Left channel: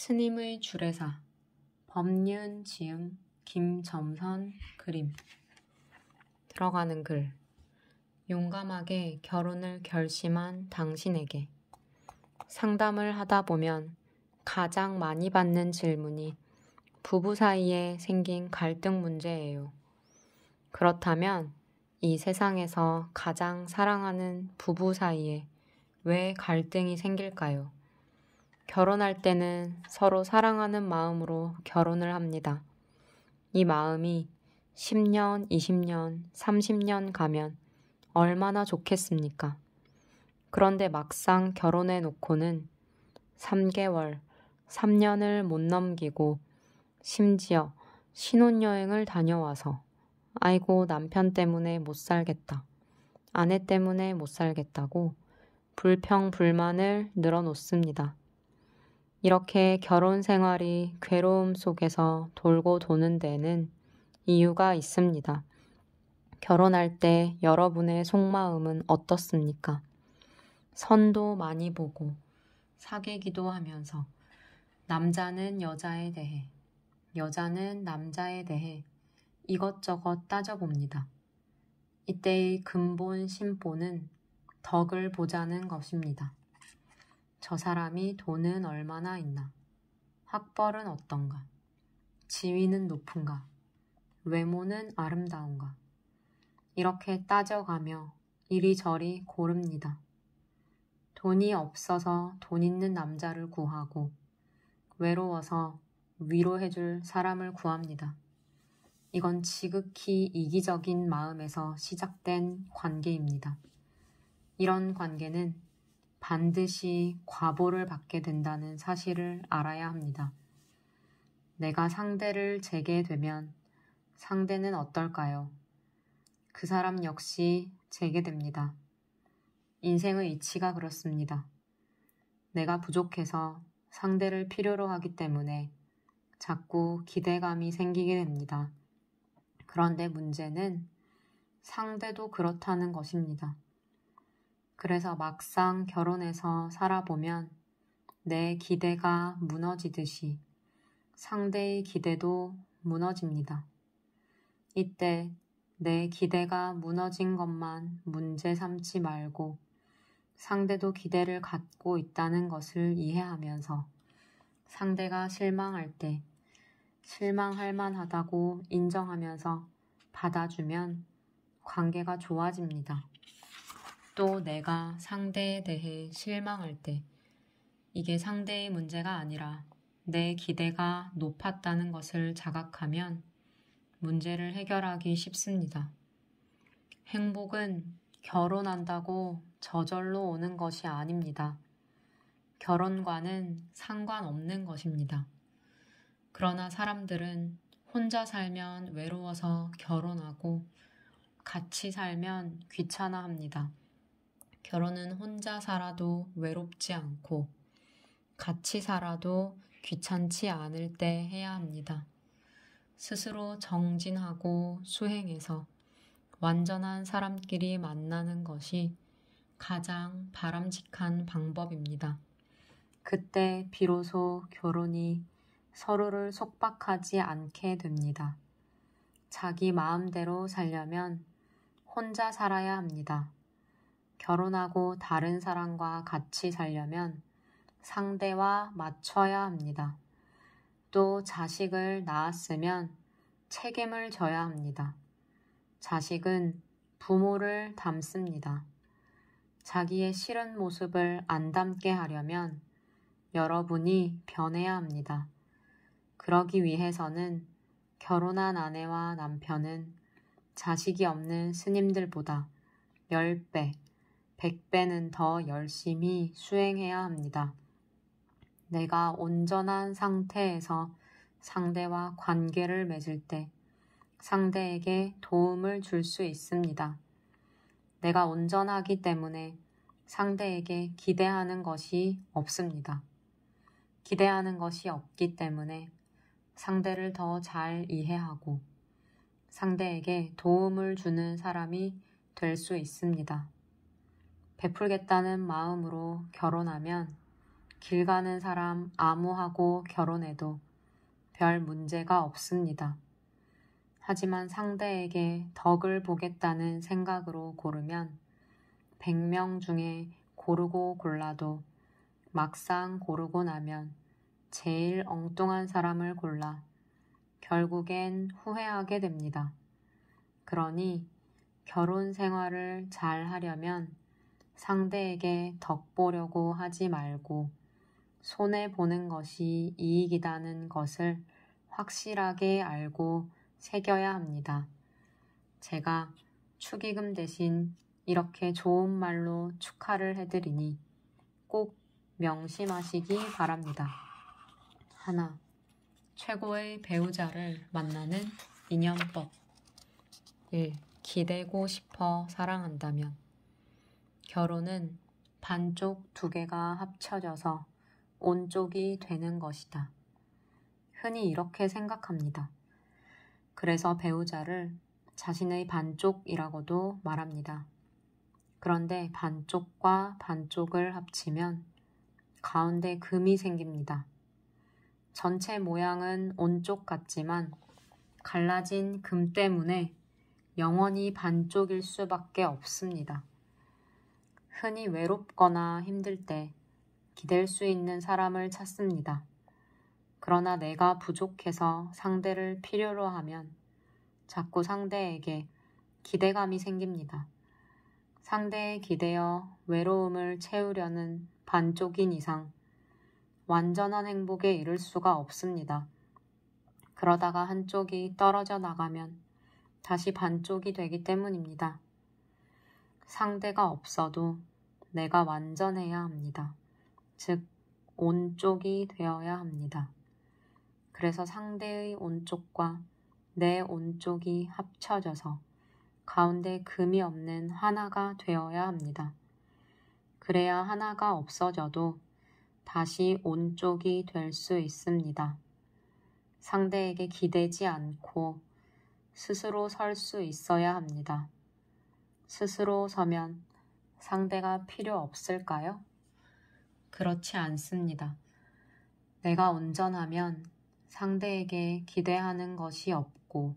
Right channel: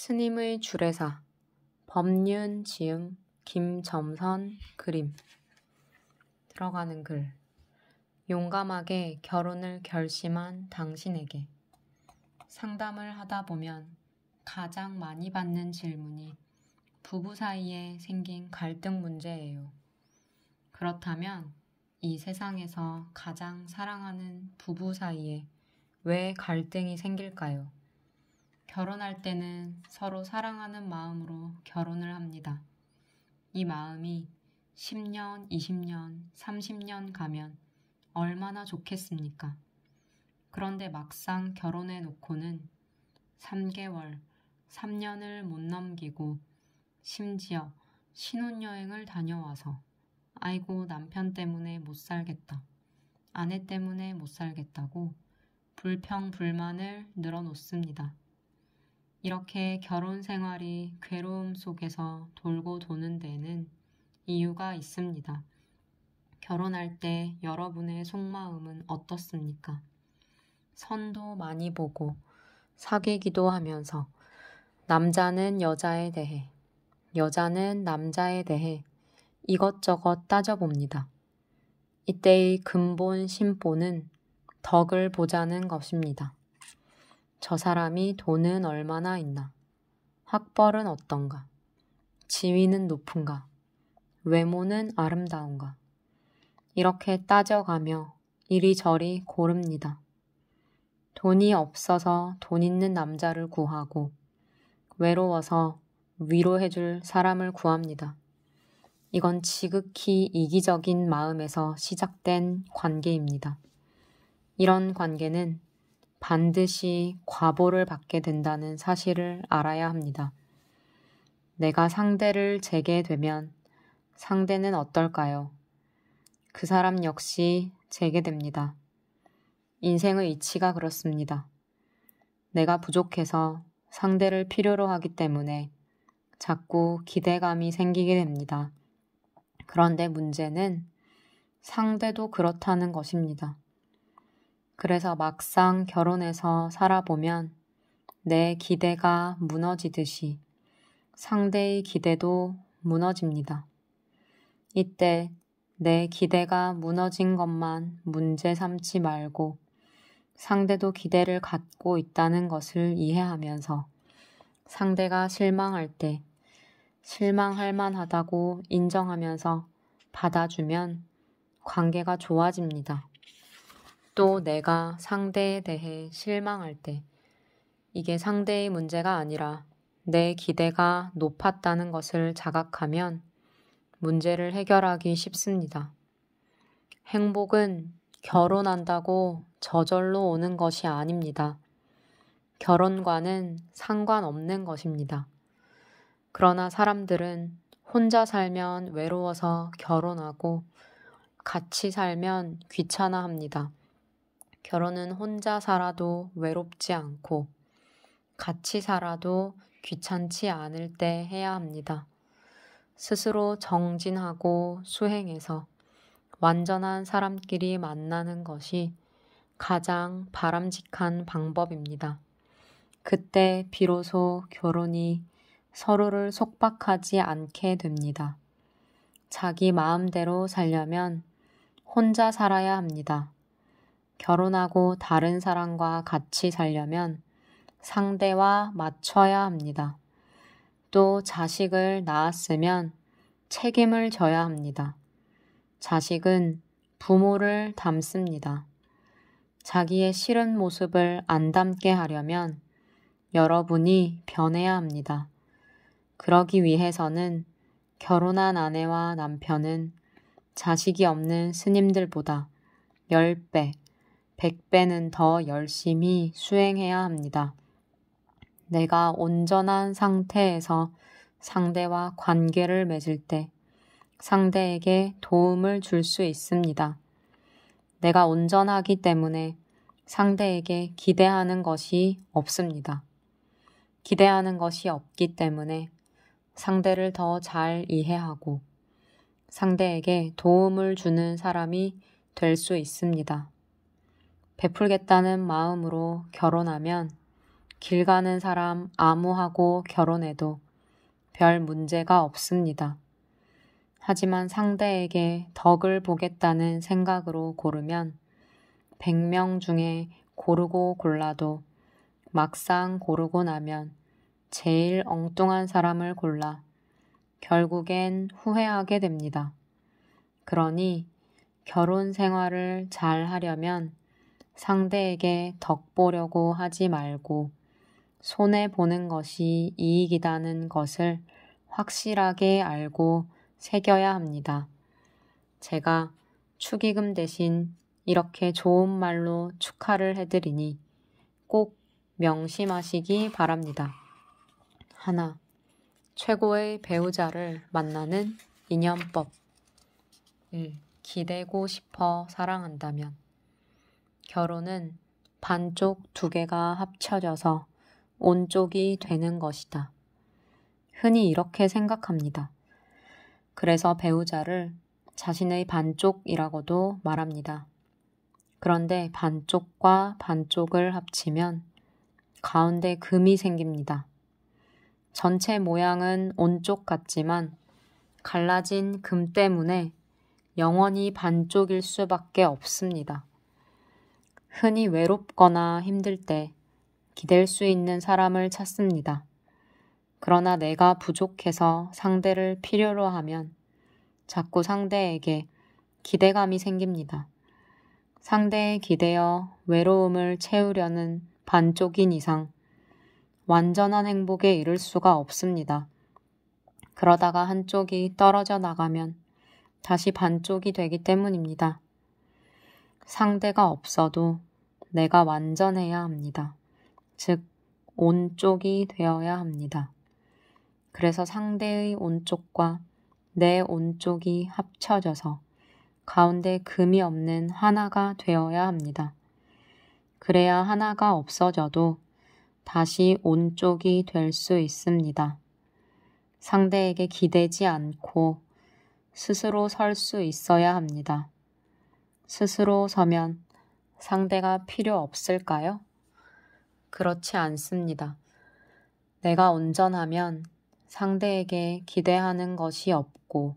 스님의 주례사 법륜 지음 김점선 그림. 들어가는 글. 용감하게 결혼을 결심한 당신에게 상담을 하다 보면 가장 많이 받는 질문이 부부 사이에 생긴 갈등 문제예요. 그렇다면 이 세상에서 가장 사랑하는 부부 사이에 왜 갈등이 생길까요? 결혼할 때는 서로 사랑하는 마음으로 결혼을 합니다. 이 마음이 10년, 20년, 30년 가면 얼마나 좋겠습니까? 그런데 막상 결혼해 놓고는 3개월, 3년을 못 넘기고 심지어 신혼여행을 다녀와서 아이고 남편 때문에 못 살겠다, 아내 때문에 못 살겠다고 불평불만을 늘어놓습니다. 이렇게 결혼 생활이 괴로움 속에서 돌고 도는 데는 이유가 있습니다. 결혼할 때 여러분의 속마음은 어떻습니까? 선도 많이 보고 사귀기도 하면서 남자는 여자에 대해, 여자는 남자에 대해 이것저것 따져봅니다. 이때의 근본 심보는 덕을 보자는 것입니다. 저 사람이 돈은 얼마나 있나? 학벌은 어떤가? 지위는 높은가? 외모는 아름다운가? 이렇게 따져가며 이리저리 고릅니다. 돈이 없어서 돈 있는 남자를 구하고 외로워서 위로해줄 사람을 구합니다. 이건 지극히 이기적인 마음에서 시작된 관계입니다. 이런 관계는 반드시 과보를 받게 된다는 사실을 알아야 합니다. 내가 상대를 재게 되면 상대는 어떨까요? 그 사람 역시 재게 됩니다. 인생의 이치가 그렇습니다. 내가 부족해서 상대를 필요로 하기 때문에 자꾸 기대감이 생기게 됩니다. 그런데 문제는 상대도 그렇다는 것입니다. 그래서 막상 결혼해서 살아보면 내 기대가 무너지듯이 상대의 기대도 무너집니다. 이때 내 기대가 무너진 것만 문제 삼지 말고 상대도 기대를 갖고 있다는 것을 이해하면서 상대가 실망할 때 실망할 만하다고 인정하면서 받아주면 관계가 좋아집니다. 또 내가 상대에 대해 실망할 때 이게 상대의 문제가 아니라 내 기대가 높았다는 것을 자각하면 문제를 해결하기 쉽습니다. 행복은 결혼한다고 저절로 오는 것이 아닙니다. 결혼과는 상관없는 것입니다. 그러나 사람들은 혼자 살면 외로워서 결혼하고 같이 살면 귀찮아합니다. 결혼은 혼자 살아도 외롭지 않고 같이 살아도 귀찮지 않을 때 해야 합니다. 스스로 정진하고 수행해서 완전한 사람끼리 만나는 것이 가장 바람직한 방법입니다. 그때 비로소 결혼이 서로를 속박하지 않게 됩니다. 자기 마음대로 살려면 혼자 살아야 합니다. 결혼하고 다른 사람과 같이 살려면 상대와 맞춰야 합니다. 또 자식을 낳았으면 책임을 져야 합니다. 자식은 부모를 닮습니다. 자기의 싫은 모습을 안 닮게 하려면 여러분이 변해야 합니다. 그러기 위해서는 결혼한 아내와 남편은 자식이 없는 스님들보다 10배, 100배는 더 열심히 수행해야 합니다. 내가 온전한 상태에서 상대와 관계를 맺을 때 상대에게 도움을 줄 수 있습니다. 내가 온전하기 때문에 상대에게 기대하는 것이 없습니다. 기대하는 것이 없기 때문에 상대를 더 잘 이해하고 상대에게 도움을 주는 사람이 될 수 있습니다. 베풀겠다는 마음으로 결혼하면 길 가는 사람 아무하고 결혼해도 별 문제가 없습니다. 하지만 상대에게 덕을 보겠다는 생각으로 고르면 100명 중에 고르고 골라도 막상 고르고 나면 제일 엉뚱한 사람을 골라 결국엔 후회하게 됩니다. 그러니 결혼 생활을 잘 하려면 상대에게 덕 보려고 하지 말고 손해보는 것이 이익이라는 것을 확실하게 알고 새겨야 합니다. 제가 축의금 대신 이렇게 좋은 말로 축하를 해드리니 꼭 명심하시기 바랍니다. 하나, 최고의 배우자를 만나는 인연법. 1. 기대고 싶어 사랑한다면. 결혼은 반쪽 두 개가 합쳐져서 온쪽이 되는 것이다. 흔히 이렇게 생각합니다. 그래서 배우자를 자신의 반쪽이라고도 말합니다. 그런데 반쪽과 반쪽을 합치면 가운데 금이 생깁니다. 전체 모양은 온쪽 같지만 갈라진 금 때문에 영원히 반쪽일 수밖에 없습니다. 흔히 외롭거나 힘들 때 기댈 수 있는 사람을 찾습니다. 그러나 내가 부족해서 상대를 필요로 하면 자꾸 상대에게 기대감이 생깁니다. 상대에 기대어 외로움을 채우려는 반쪽인 이상 완전한 행복에 이를 수가 없습니다. 그러다가 한쪽이 떨어져 나가면 다시 반쪽이 되기 때문입니다. 상대가 없어도 내가 완전해야 합니다. 즉, 온쪽이 되어야 합니다. 그래서 상대의 온쪽과 내 온쪽이 합쳐져서 가운데 금이 없는 하나가 되어야 합니다. 그래야 하나가 없어져도 다시 온쪽이 될 수 있습니다. 상대에게 기대지 않고 스스로 설 수 있어야 합니다. 스스로 서면 상대가 필요 없을까요? 그렇지 않습니다. 내가 온전하면 상대에게 기대하는 것이 없고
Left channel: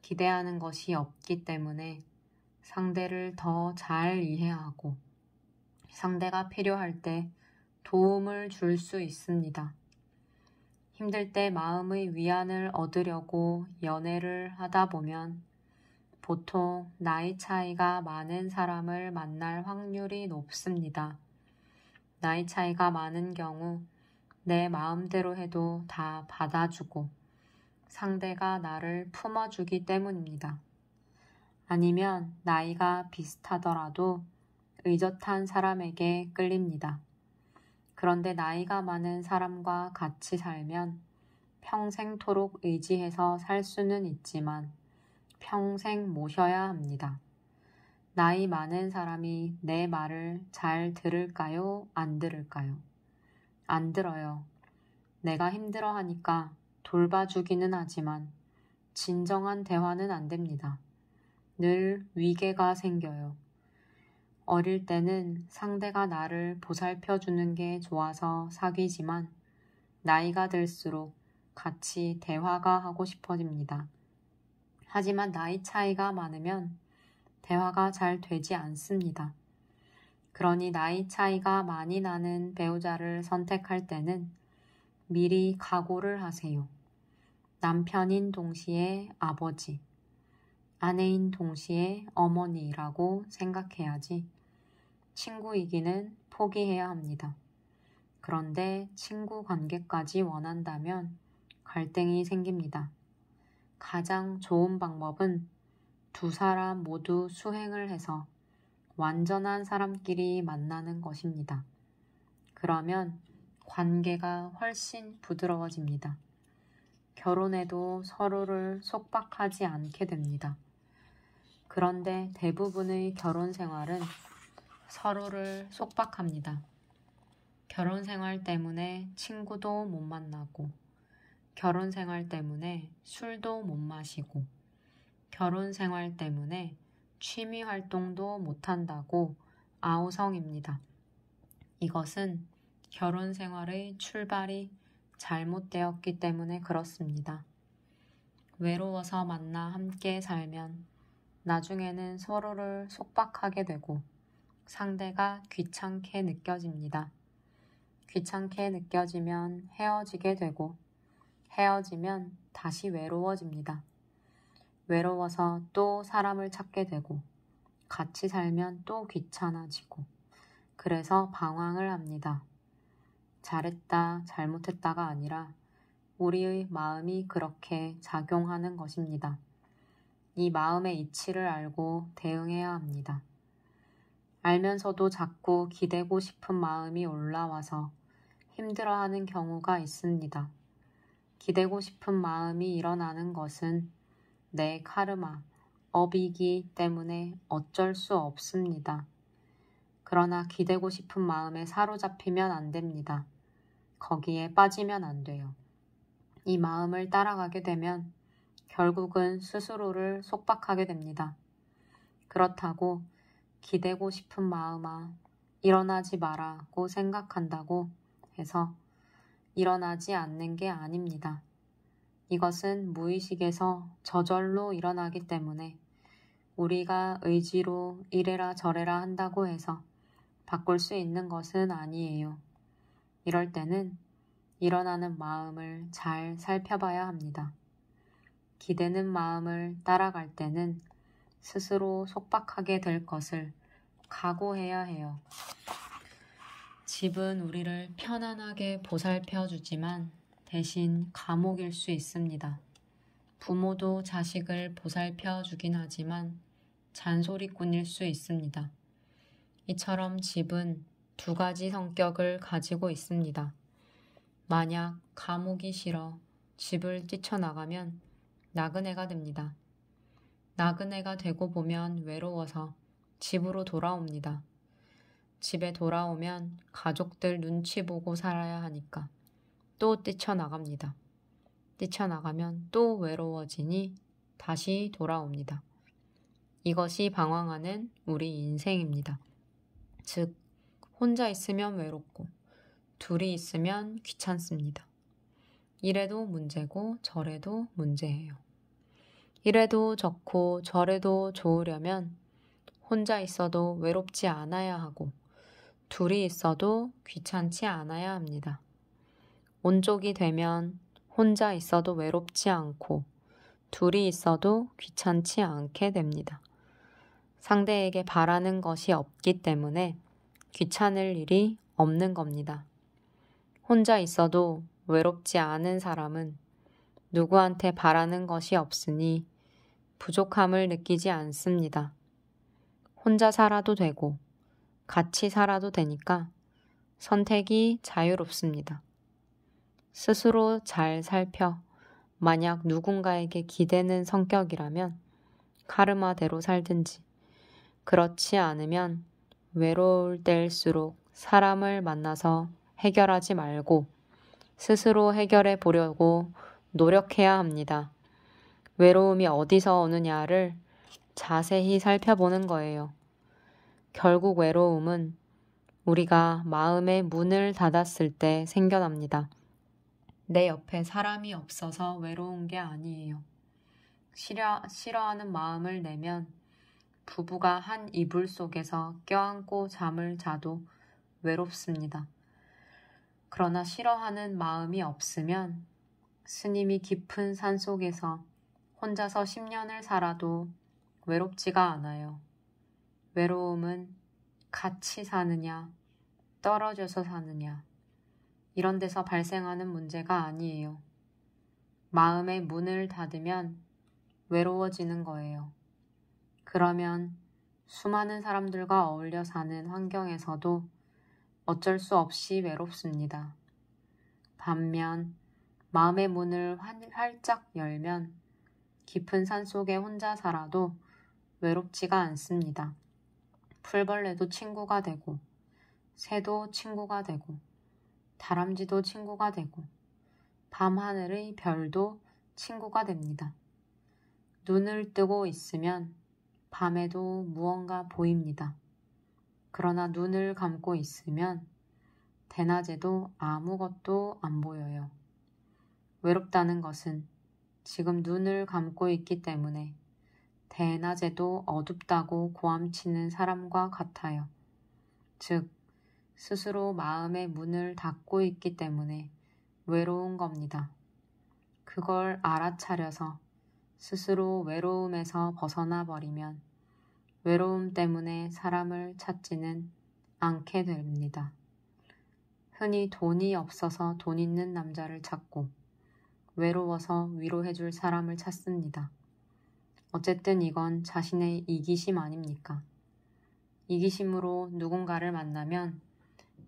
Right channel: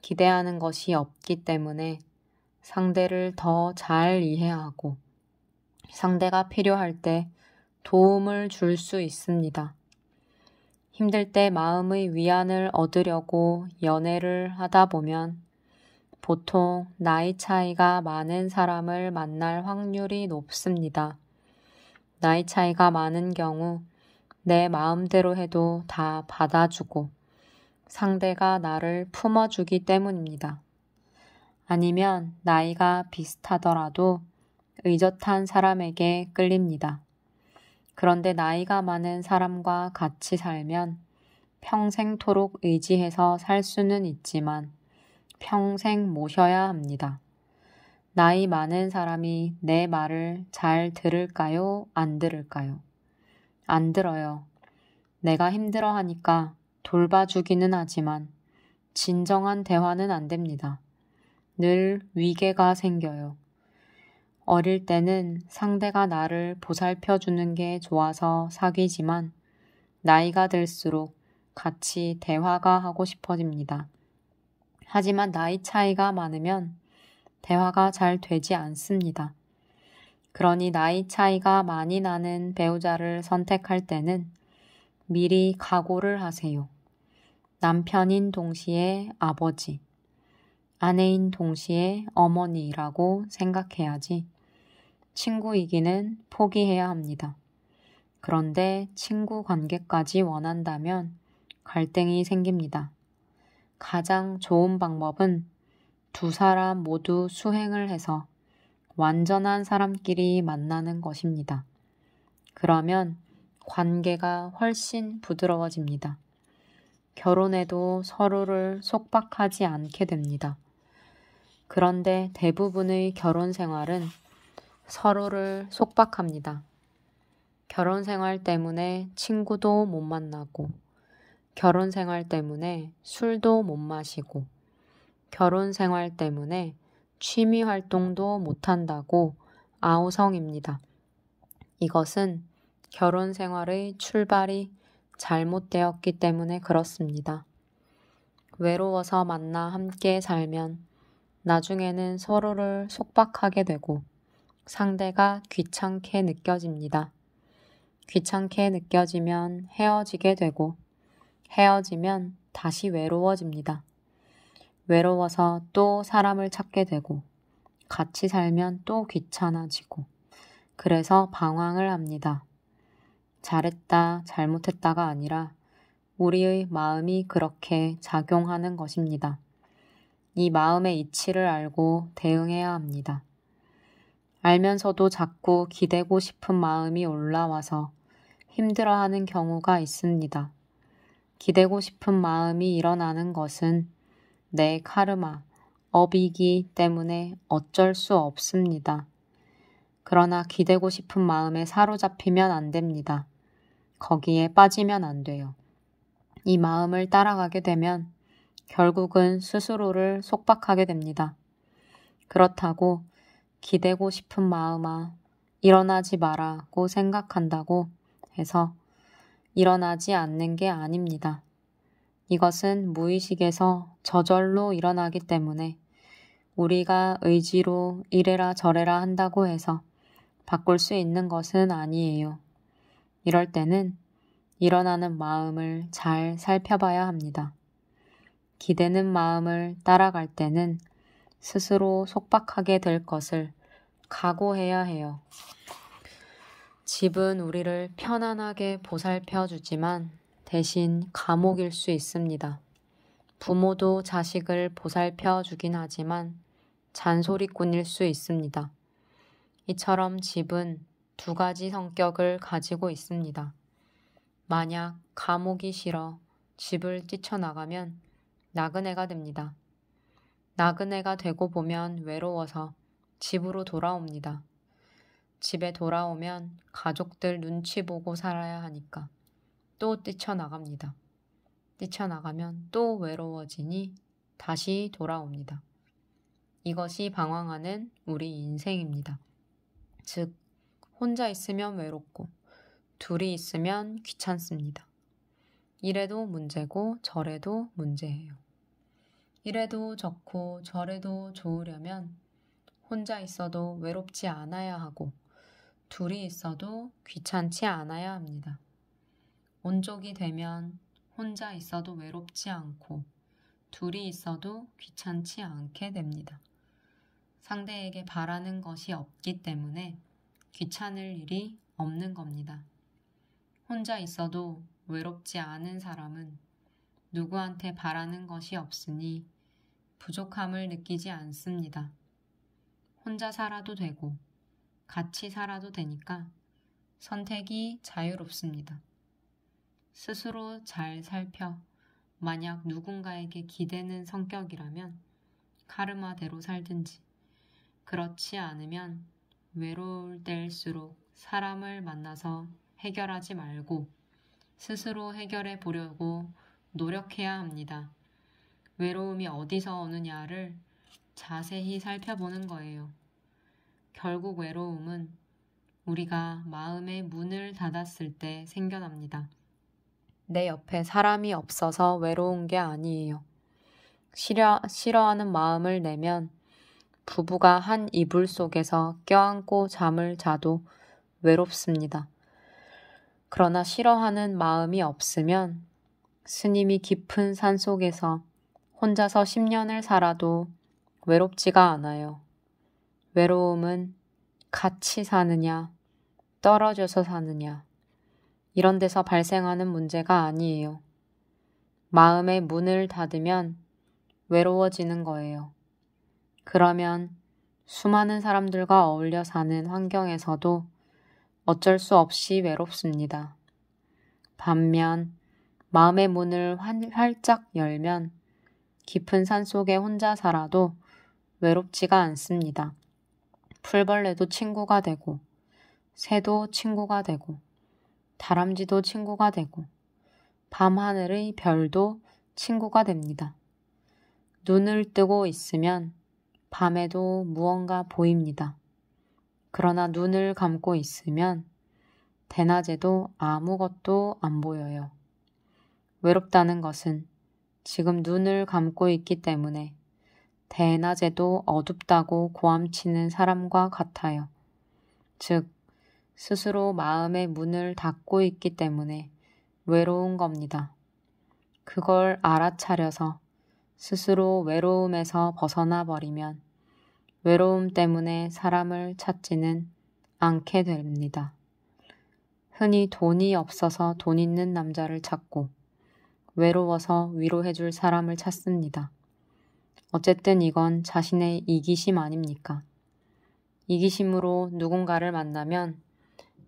기대하는 것이 없기 때문에 상대를 더 잘 이해하고 상대가 필요할 때 도움을 줄 수 있습니다. 힘들 때 마음의 위안을 얻으려고 연애를 하다 보면 보통 나이 차이가 많은 사람을 만날 확률이 높습니다. 나이 차이가 많은 경우 내 마음대로 해도 다 받아주고 상대가 나를 품어주기 때문입니다. 아니면 나이가 비슷하더라도 의젓한 사람에게 끌립니다. 그런데 나이가 많은 사람과 같이 살면 평생토록 의지해서 살 수는 있지만 평생 모셔야 합니다. 나이 많은 사람이 내 말을 잘 들을까요? 안 들을까요? 안 들어요. 내가 힘들어하니까 돌봐주기는 하지만 진정한 대화는 안 됩니다. 늘 위계가 생겨요. 어릴 때는 상대가 나를 보살펴주는 게 좋아서 사귀지만 나이가 들수록 같이 대화가 하고 싶어집니다. 하지만 나이 차이가 많으면 대화가 잘 되지 않습니다. 그러니 나이 차이가 많이 나는 배우자를 선택할 때는 미리 각오를 하세요. 남편인 동시에 아버지, 아내인 동시에 어머니라고 생각해야지 친구이기는 포기해야 합니다. 그런데 친구 관계까지 원한다면 갈등이 생깁니다. 가장 좋은 방법은 두 사람 모두 수행을 해서 완전한 사람끼리 만나는 것입니다. 그러면 관계가 훨씬 부드러워집니다. 결혼해도 서로를 속박하지 않게 됩니다. 그런데 대부분의 결혼 생활은 서로를 속박합니다. 결혼 생활 때문에 친구도 못 만나고, 결혼 생활 때문에 술도 못 마시고, 결혼 생활 때문에 취미 활동도 못 한다고 아우성입니다. 이것은 결혼 생활의 출발이 잘못되었기 때문에 그렇습니다. 외로워서 만나 함께 살면 나중에는 서로를 속박하게 되고 상대가 귀찮게 느껴집니다. 귀찮게 느껴지면 헤어지게 되고 헤어지면 다시 외로워집니다. 외로워서 또 사람을 찾게 되고 같이 살면 또 귀찮아지고 그래서 방황을 합니다. 잘했다, 잘못했다가 아니라 우리의 마음이 그렇게 작용하는 것입니다. 이 마음의 이치를 알고 대응해야 합니다. 알면서도 자꾸 기대고 싶은 마음이 올라와서 힘들어하는 경우가 있습니다. 기대고 싶은 마음이 일어나는 것은 내 카르마, 업이기 때문에 어쩔 수 없습니다. 그러나 기대고 싶은 마음에 사로잡히면 안 됩니다. 거기에 빠지면 안 돼요. 이 마음을 따라가게 되면 결국은 스스로를 속박하게 됩니다. 그렇다고 기대고 싶은 마음아 일어나지 마라고 생각한다고 해서 일어나지 않는 게 아닙니다. 이것은 무의식에서 저절로 일어나기 때문에 우리가 의지로 이래라 저래라 한다고 해서 바꿀 수 있는 것은 아니에요. 이럴 때는 일어나는 마음을 잘 살펴봐야 합니다. 기대는 마음을 따라갈 때는 스스로 속박하게 될 것을 각오해야 해요. 집은 우리를 편안하게 보살펴 주지만 대신 감옥일 수 있습니다. 부모도 자식을 보살펴 주긴 하지만 잔소리꾼일 수 있습니다. 이처럼 집은 두 가지 성격을 가지고 있습니다. 만약 감옥이 싫어 집을 뛰쳐나가면 나그네가 됩니다. 나그네가 되고 보면 외로워서 집으로 돌아옵니다. 집에 돌아오면 가족들 눈치 보고 살아야 하니까 또 뛰쳐나갑니다. 뛰쳐나가면 또 외로워지니 다시 돌아옵니다. 이것이 방황하는 우리 인생입니다. 즉, 혼자 있으면 외롭고 둘이 있으면 귀찮습니다. 이래도 문제고 저래도 문제예요. 이래도 좋고 저래도 좋으려면 혼자 있어도 외롭지 않아야 하고 둘이 있어도 귀찮지 않아야 합니다. 온쪽이 되면 혼자 있어도 외롭지 않고 둘이 있어도 귀찮지 않게 됩니다. 상대에게 바라는 것이 없기 때문에 귀찮을 일이 없는 겁니다. 혼자 있어도 외롭지 않은 사람은 누구한테 바라는 것이 없으니 부족함을 느끼지 않습니다. 혼자 살아도 되고 같이 살아도 되니까 선택이 자유롭습니다. 스스로 잘 살펴 만약 누군가에게 기대는 성격이라면 카르마대로 살든지 그렇지 않으면 외로울 때일수록 사람을 만나서 해결하지 말고 스스로 해결해 보려고 노력해야 합니다. 외로움이 어디서 오느냐를 자세히 살펴보는 거예요. 결국 외로움은 우리가 마음의 문을 닫았을 때 생겨납니다. 내 옆에 사람이 없어서 외로운 게 아니에요. 싫어하는 마음을 내면 부부가 한 이불 속에서 껴안고 잠을 자도 외롭습니다. 그러나 싫어하는 마음이 없으면 스님이 깊은 산 속에서 혼자서 10년을 살아도 외롭지가 않아요. 외로움은 같이 사느냐, 떨어져서 사느냐, 이런 데서 발생하는 문제가 아니에요. 마음의 문을 닫으면 외로워지는 거예요. 그러면 수많은 사람들과 어울려 사는 환경에서도 어쩔 수 없이 외롭습니다. 반면 마음의 문을 활짝 열면 깊은 산 속에 혼자 살아도 외롭지가 않습니다. 풀벌레도 친구가 되고 새도 친구가 되고 다람쥐도 친구가 되고 밤하늘의 별도 친구가 됩니다. 눈을 뜨고 있으면 밤에도 무언가 보입니다. 그러나 눈을 감고 있으면 대낮에도 아무것도 안 보여요. 외롭다는 것은 지금 눈을 감고 있기 때문에 대낮에도 어둡다고 고함치는 사람과 같아요. 즉, 스스로 마음의 문을 닫고 있기 때문에 외로운 겁니다. 그걸 알아차려서 스스로 외로움에서 벗어나 버리면 외로움 때문에 사람을 찾지는 않게 됩니다. 흔히 돈이 없어서 돈 있는 남자를 찾고 외로워서 위로해줄 사람을 찾습니다. 어쨌든 이건 자신의 이기심 아닙니까? 이기심으로 누군가를 만나면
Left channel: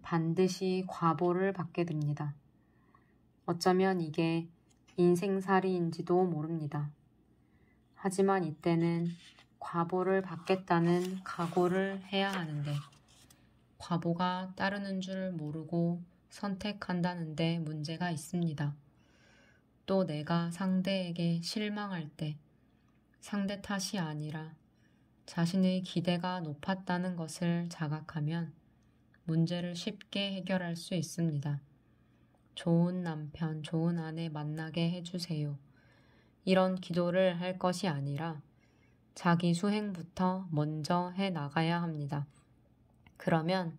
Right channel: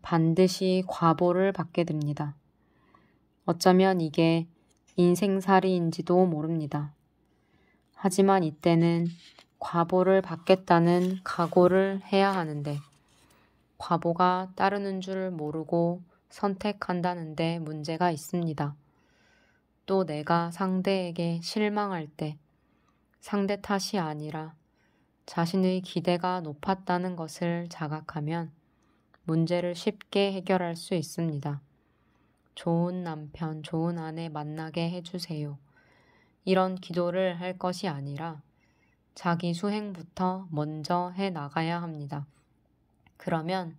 반드시 과보를 받게 됩니다. 어쩌면 이게 인생살이인지도 모릅니다. 하지만 이때는 과보를 받겠다는 각오를 해야 하는데 과보가 따르는 줄 모르고 선택한다는데 문제가 있습니다. 또 내가 상대에게 실망할 때 상대 탓이 아니라 자신의 기대가 높았다는 것을 자각하면 문제를 쉽게 해결할 수 있습니다. 좋은 남편, 좋은 아내 만나게 해주세요. 이런 기도를 할 것이 아니라 자기 수행부터 먼저 해 나가야 합니다. 그러면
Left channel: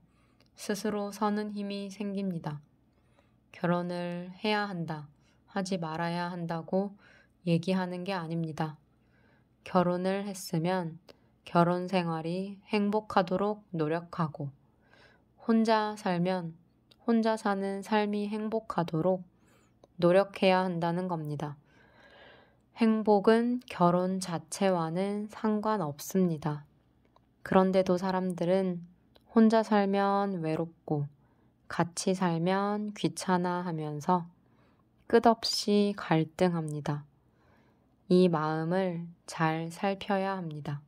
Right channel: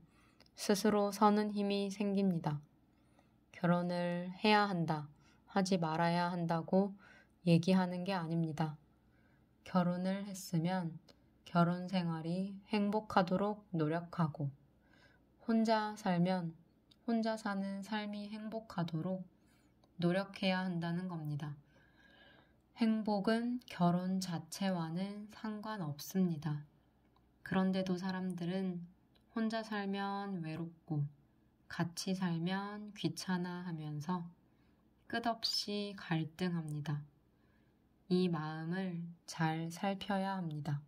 스스로 서는 힘이 생깁니다. 결혼을 해야 한다, 하지 말아야 한다고 얘기하는 게 아닙니다. 결혼을 했으면 결혼 생활이 행복하도록 노력하고 혼자 살면 혼자 사는 삶이 행복하도록 노력해야 한다는 겁니다. 행복은 결혼 자체와는 상관없습니다. 그런데도 사람들은 혼자 살면 외롭고 같이 살면 귀찮아 하면서 끝없이 갈등합니다. 이 마음을 잘 살펴야 합니다.